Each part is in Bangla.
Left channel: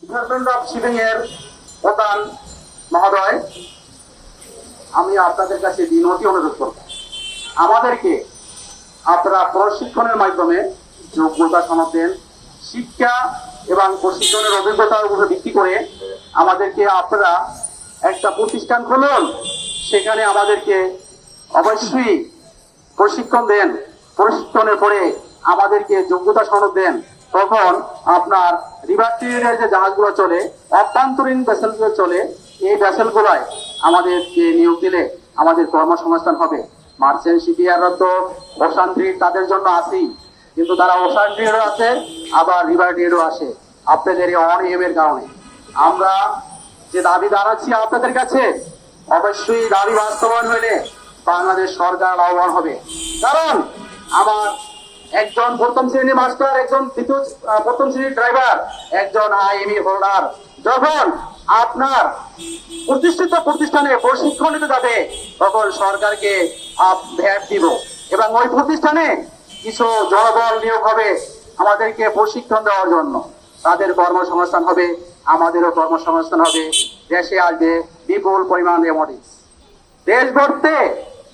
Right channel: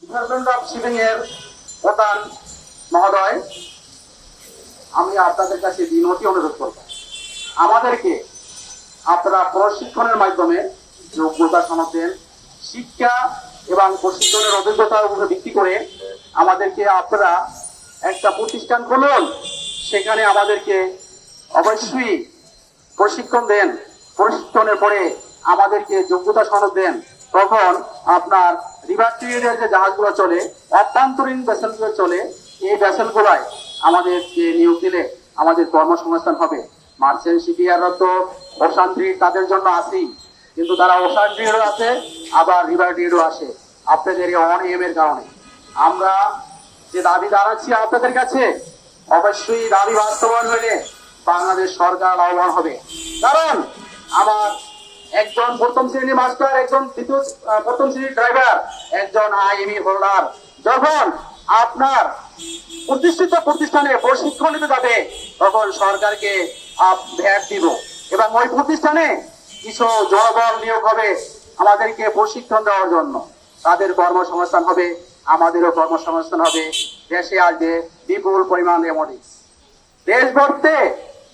ডিপার্টমেন্ট অফ শিপিং এর প্রধান মহোদয়, আমি আপনাদের কাছে বিনতি অনুরোধ করব, আমাদেরকে আপনারা প্রশিক্ষণের মাধ্যমে যোগ্যতা সনদ দেন। শিক্ষা এবং প্রশিক্ষণের অভিজ্ঞতার উপরে ভিত্তি করে আমাদেরকে আপনারা একটা প্রতিষ্ঠান খুলুন, সেখানে আমাদেরকে অবশ্যই প্রশিক্ষণ দেন। প্রশিক্ষণের পরে আমাদেরকে যোগ্যতা সনদ দেন। তখন আপনার রিভার ট্রেডের যে জাহাজগুলো চলে, অভ্যন্তরীণ ভেসেলগুলো চলে, এই ভেসেলগুলোয় আমাদেরকে নিয়োগ দিলে আমাদের কর্মসংস্থান হবে। মার্চেন্ট শিপিয়াররা তো ওশান ট্রেড তাদের জন্য আছেই, কিন্তু তারা ওশান ট্রেডও আছে, আবার রিভার ট্রেডও আসে। আপনাদের এই অনিয়মের কারণে আমরা যে দাবি দাঁড়াচ্ছি আপনাদের কাছে, অবশ্যই দাবি বাস্তবায়ন হলে বাংলাদেশ সরকার লাভবান হবে। কারণ আমার একজন প্রথম শ্রেণীর মাস্টার, একজন প্রথম শ্রেণীর ড্রাইভার, একজন আইএমই হোল্ডার যখন আপনার প্রতিষ্ঠিত প্রতিষ্ঠানে প্রশিক্ষণ নিতে যাবে, তখন সরকারকে ভ্যাট দিব এবং ওই প্রতিষ্ঠানে কিছু জনবল নিয়োগ হবে আমাদেরকে প্রশিক্ষণ দেওয়ার জন্য। তাদের কর্মসংস্থান হবে, আমাদেরও কর্মসংস্থান হবে, দেশে আসবে বিপুল পরিমাণ রেমিটেন্স। দেশ গড়তে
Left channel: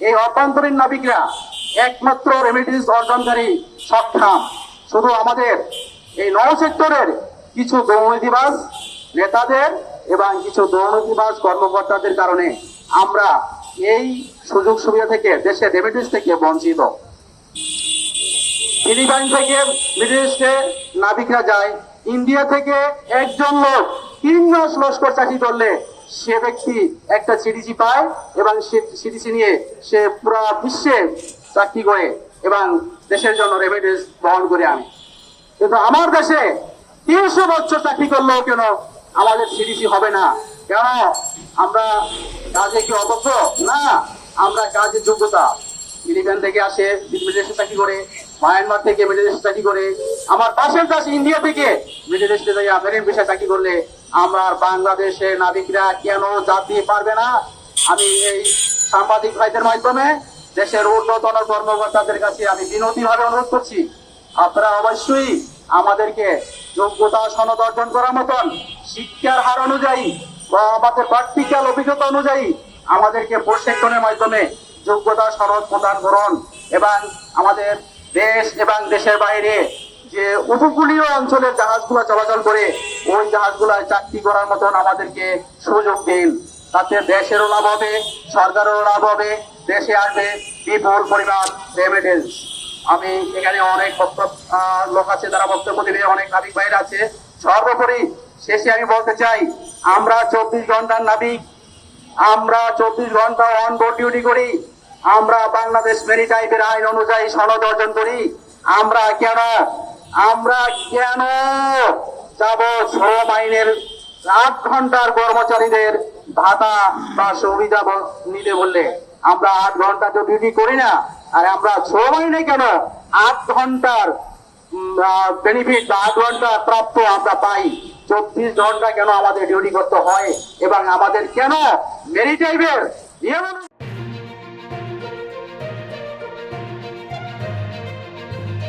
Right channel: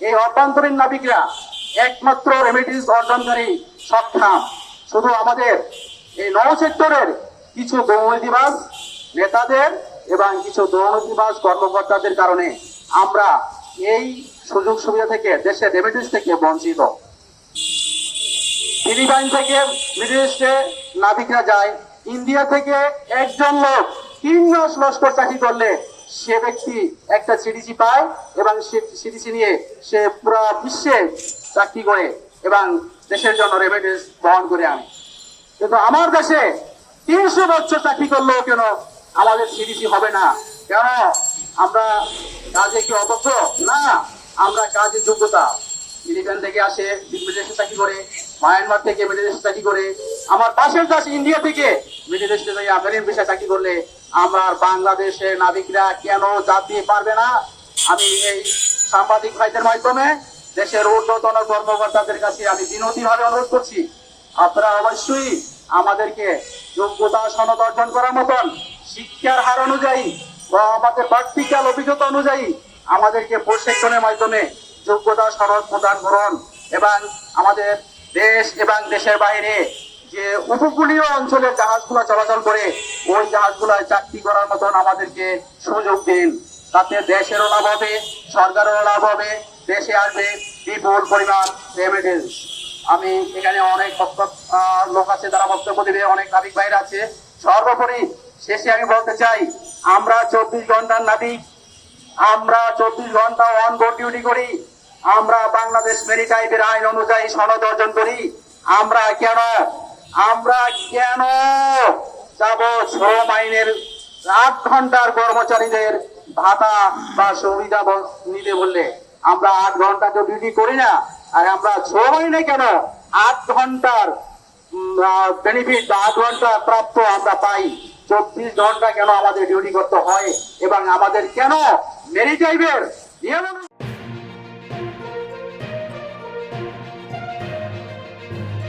এই অভ্যন্তরীণ নাবিকরা একমাত্র রেমিটেন্স অর্জনকারী সক্ষম। শুধু আমাদের এই নৌ সেক্টরের কিছু দুর্নীতিবাজ নেতাদের এবং কিছু দুর্নীতিবাজ কর্মকর্তাদের কারণে আমরা এই সুযোগ সুবিধা থেকে, দেশের রেমিটেন্স থেকে বঞ্চিত। ফিলিপাইন থেকে বিদেশে নাবিকরা যায়, ইন্ডিয়া থেকে একজন লোক 3 মাস লস্কর চাকরি করলে সে ব্যক্তি একটা সিডিসি পায় এবং সিডিসি নিয়ে সে পুরো বিশ্বে চাকরি করে এবং দেশের জন্য রেমিটেন্স বহন করে আনে। কিন্তু আমার দেশে 300 বছর চাকরি করলেও কেন আমাদের সিডিসি হবে না? কেন? আমরা কাজে কি অদক্ষ? না, আমরা কাজের যোগ্যতা। ফিলিপাইন থেকে আসে, বিদেশে চাকরি করে, মায়ানমার থেকে বিদেশে চাকরি করে, আমার পাশের দেশ ইন্ডিয়া থেকে বিদেশে মেরিন ভিসা চাকরি করলে আমরা বাংলাদেশের নাবিকরা কেন যেতে পারবে না? আমি এই সাংবাদিক ভাইদের মাধ্যমে দেশের ঊর্ধ্বতন কর্মকর্তাদের কাছে আমি বিনতিভাবে অনুরোধ করছি, আপনারা অবশ্যই আমাদেরকে যোগ্যতা সনদ অর্জন করার মতন শিক্ষার হার অনুযায়ী বা আমাদের প্র্যাকটিক্যাল অভিজ্ঞতা অনুযায়ী আমাদেরকে প্রশিক্ষণের মাধ্যমে যোগ্যতা সনদ প্রদান করুন এবং আমাদের দেশ এবং দেশের বাইরে যে উপকূলীয় অঞ্চলের জাহাজগুলো চলাচল করে ওই জাহাজগুলোয় চাকরি করার মতন আমাদেরকে সুযোগ দিন। তাতে দেশেরও লাভ হবে, সরকারেরও লাভ হবে, দেশে আসবে বিপুল পরিমাণ রেমিটেন্স। আমি এখানে অনেক লোক আছে যারা বক্তব্য দেবে, অনেক নাবিক ভাইরা আছে। সর্বোপরি শেষে আমি বলতে চাই, আমরা 24 ঘন্টার নাবিক, আমরা 24 ঘন্টা অন বোর্ড ডিউটি করি, আমরা বাংলাদেশ মেরিটাইমের আইন অনুযায়ী সনদ অর্জন করি। আমরা কেন যাব শ্রম আইনের 8 ঘন্টার কর্মচারীদের ভাতা বা সুবিধা নিতে বললে? আমরা 8 ঘন্টা তো ডিউটি করি না, আর আমরা শ্রম আইনে কেন 8 ঘন্টার বেনিফিট বা 8 ঘন্টা প্রাপ্ত আমরা পাই? 24 ঘন্টা কেন আমাদের ডিউটি করতে হয় এবং আমাদের কেন মেরিটাইমের